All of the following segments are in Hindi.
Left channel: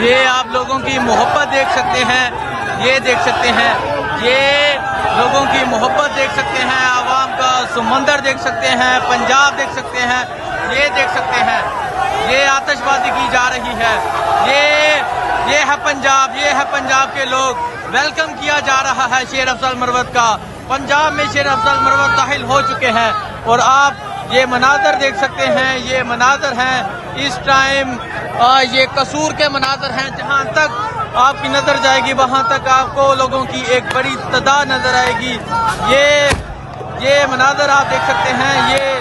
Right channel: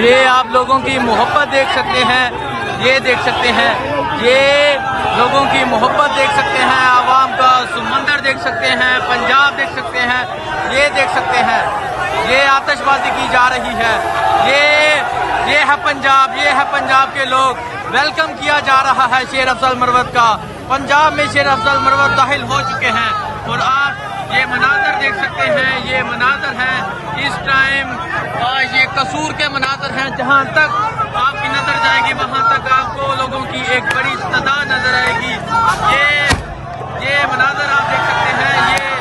ये आप लोगों की मोहब्बत देख सकते हैं, ये देख सकते हैं, ये लोगों की मोहब्बत देख सकते हैं, आवाम का समंदर देख सकते हैं, पंजाब देख सकते हैं, ये देख सकते हैं, ये आतिशबाजी की जा रही है, ये है पंजाब, ये है पंजाब के लोग। वेलकम किया जा रहा है शेर अफजल मरवत का। पंजाब में शेर अफजल मरवत दाखिल हो चुके हैं और आप ये मनाजर देख सकते हैं, ये मनाजर हैं इस टाइम, ये कसूर के मनाजर हैं। जहां तक आपकी नजर जाएगी वहां तक आपको लोगों की एक बड़ी तादाद नजर आएगी। ये मनाजर आप देख सकते हैं, ये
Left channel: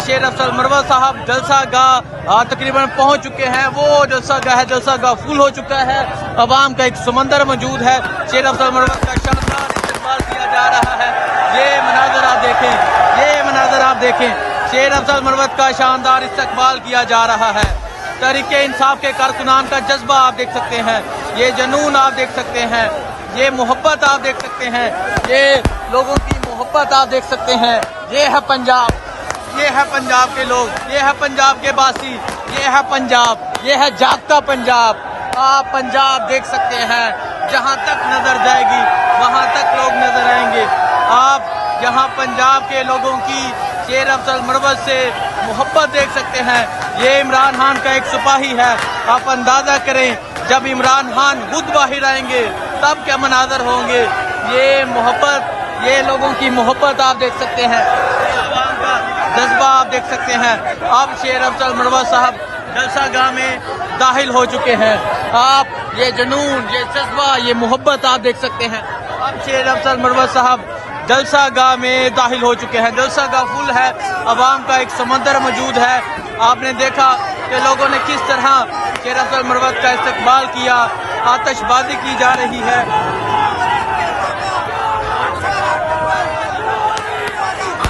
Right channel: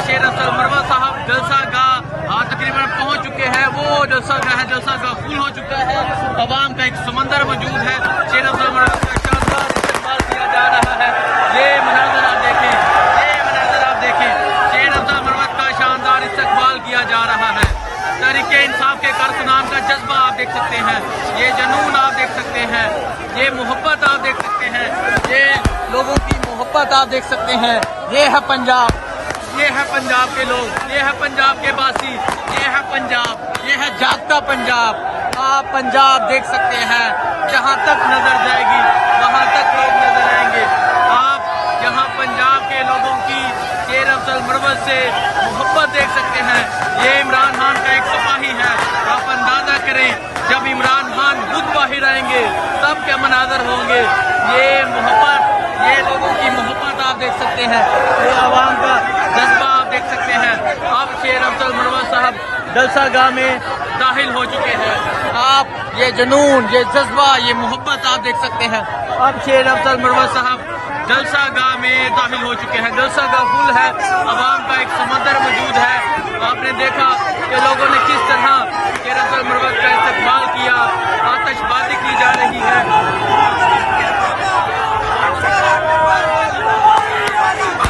शेर अफजल मरवत साहब जलसा गाह तकरीबन पहुंच चुके हैं। वो जलसा गाह है, जलसा गाह फुल हो चुका है, अवाम का एक समंदर मौजूद है। शेर अफजल मरवत का शानदार इस्तेमाल किया जा रहा है। ये मनाजर आप देखें, ये मनाजर आप देखें, शेर अफजल मरवत का शानदार इस्तकबाल किया जा रहा है। तहरीके इंसाफ के कारकुनान का जज्बा आप देख सकते हैं, ये जुनून आप देख सकते हैं, ये मोहब्बत आप देख सकते हैं, ये लोगों की मोहब्बत आप देख सकते हैं। ये है पंजाब, ये है पंजाब के लोग, ये है पंजाब के बासी, ये है पंजाब, ये है जागता पंजाब। आप पंजाब देख सकते हैं, जहां तक नजर जाएगी वहां तक लोग नजर आएंगे। आप यहाँ पंजाब के लोगों की शेर अफजल मरवत से मोहब्बत देख सकते हैं। ये इमरान खान का एक सिपाही है। आप अंदाजा करें जब इमरान खान बुध बाहिर आएंगे तब क्या मनाजर होंगे। ये मोहब्बत, ये लोगों की मोहब्बत आप देख सकते हैं, ये आवाम का जज्बा आप देख सकते हैं। अब शेर अफजल मरवत साहब जलसा गाह में दाखिल हो चुके हैं। आप ये जुनून, ये जज्बा, ये मोहब्बत आप देख सकते हैं। अब शेर अफजल मरवत साहब जलसा गाह में दाखिल हो चुके हैं। जलसा गाह फुल है, अवाम का एक समंदर मौजूद है। आपने देखा कि लोगों ने किस तरह शेर अफजल मरवत का इस्तकबाल किया, आतिशबाजी की जा रही है।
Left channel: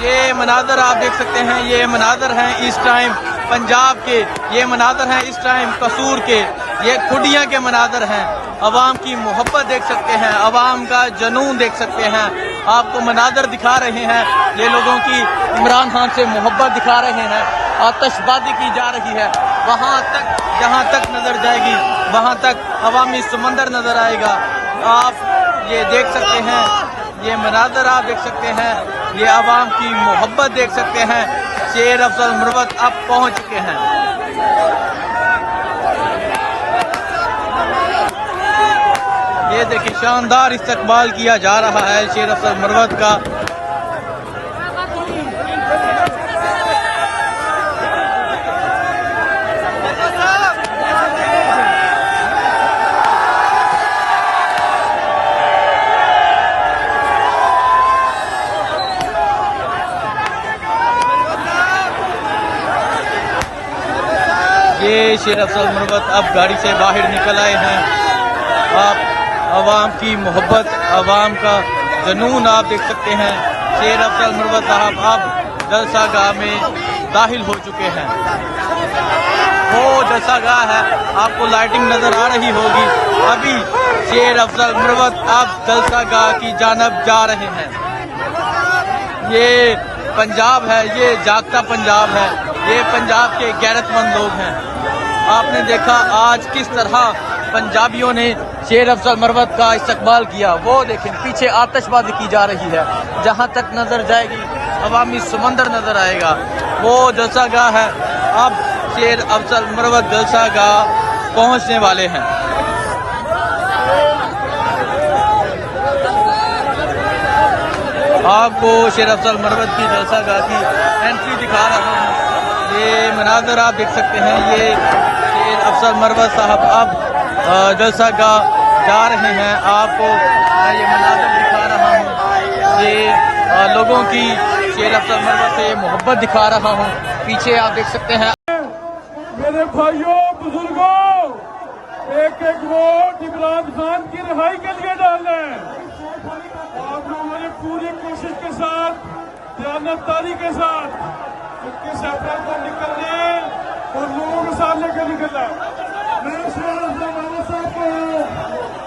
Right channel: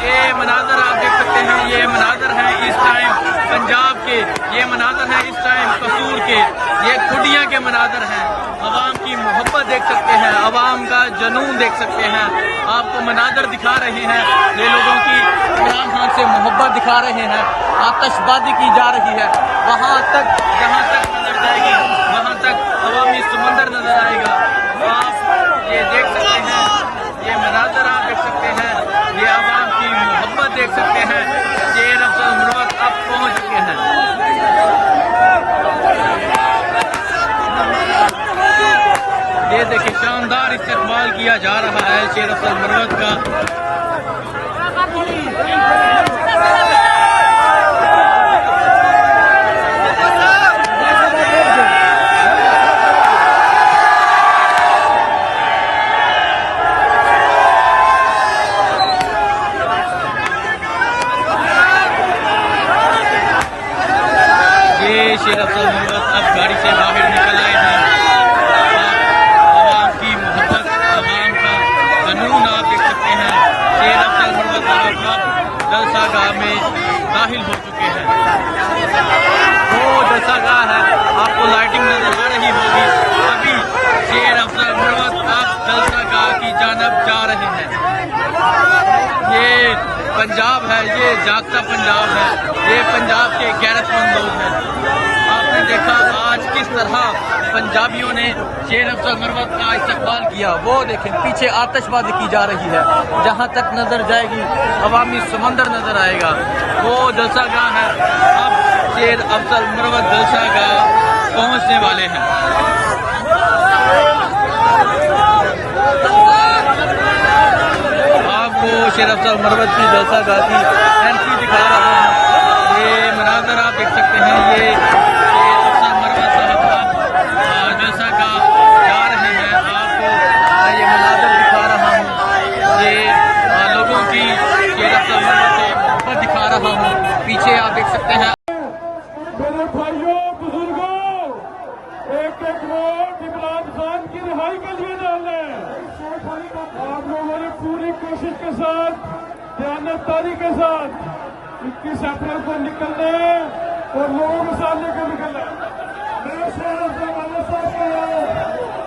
ये मनाजर आप देख सकते हैं, ये मनाजर हैं इस टाइम पंजाब के, ये मनाजर हैं इस टाइम कसूर के, ये खुडियाँ के मनाजर हैं। अवाम की मोहब्बत देख सकते हैं, अवाम का जुनून देख सकते हैं। आपको मनाजर दिखा रहे हैं, ये लोगों की इमरान खान से मोहब्बत दिखा रहे हैं। आतिशबाजी की जा रही है, वहाँ तक जहाँ तक नजर जाएगी वहाँ तक अवामी समंदर नजर आएगा। आप ये देख सकते हैं, ये मनाजर आप देख सकते हैं, ये आवाम की मोहब्बत देख सकते हैं। शेर अफजल मरवत अब पहुंच चुके हैं। ये देखिए शानदार इस्तकबाल किया जा रहा है शेर अफजल मरवत का। ये शेर अफजल मरवत अब गाड़ी से बाहर निकल आए हैं। आप आवाम की मोहब्बत, आवाम का जुनून आप देख सकते हैं। शेर अफजल मरवत साहब अब जलसा गाह में दाखिल हो चुके हैं। वो जलसा गाह है, आपको लाइटिंग नजर आ रही होगी। अभी शेर अफजल मरवत अब जलसा गाह की जानब जा रहे हैं। ये पंजाब है, ये जागता पंजाब है, ये पंजाब के गैरतमंद लोग हैं। आपने देखा आज किस तरह पंजाबियों ने शेर अफजल मरवत का इस्तकबाल किया। वो देखें पीछे आतिशबाजी की जा रही है, जहां तक नजर जाएगी अवामी समंदर नजर आएगा। वो जलसा गाह है, अब शेर अफजल मरवत जलसा गाह पहुंचने वाले हैं। आपको शेर अफजल मरवत की जलसा गाह की एंट्री दिखा रहा हूँ। ये मनाजर आप देख सकते हैं, ये शेर अफजल मरवत साहब अब जलसा गाह जा रहे हैं। आपको ये मनाजर दिखा रहा हूँ, ये लोगों की शेर अफजल मरवत से मोहब्बत दिखा रहा हूँ। पीछे आप देख सकते हैं। मेरे भाइयों बुजुर्गों, एक एक वोट इमरान खान की रिहाई के लिए डालना है। आप लोगों ने पूरी कोशिश के साथ, दयानतदारी के साथ उनकी यात्रा पर निकलना है और लोगों के सामने को निकलना है। मैं शेर अफजल मरवत साहब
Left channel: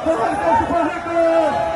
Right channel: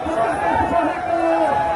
को करता हूँ।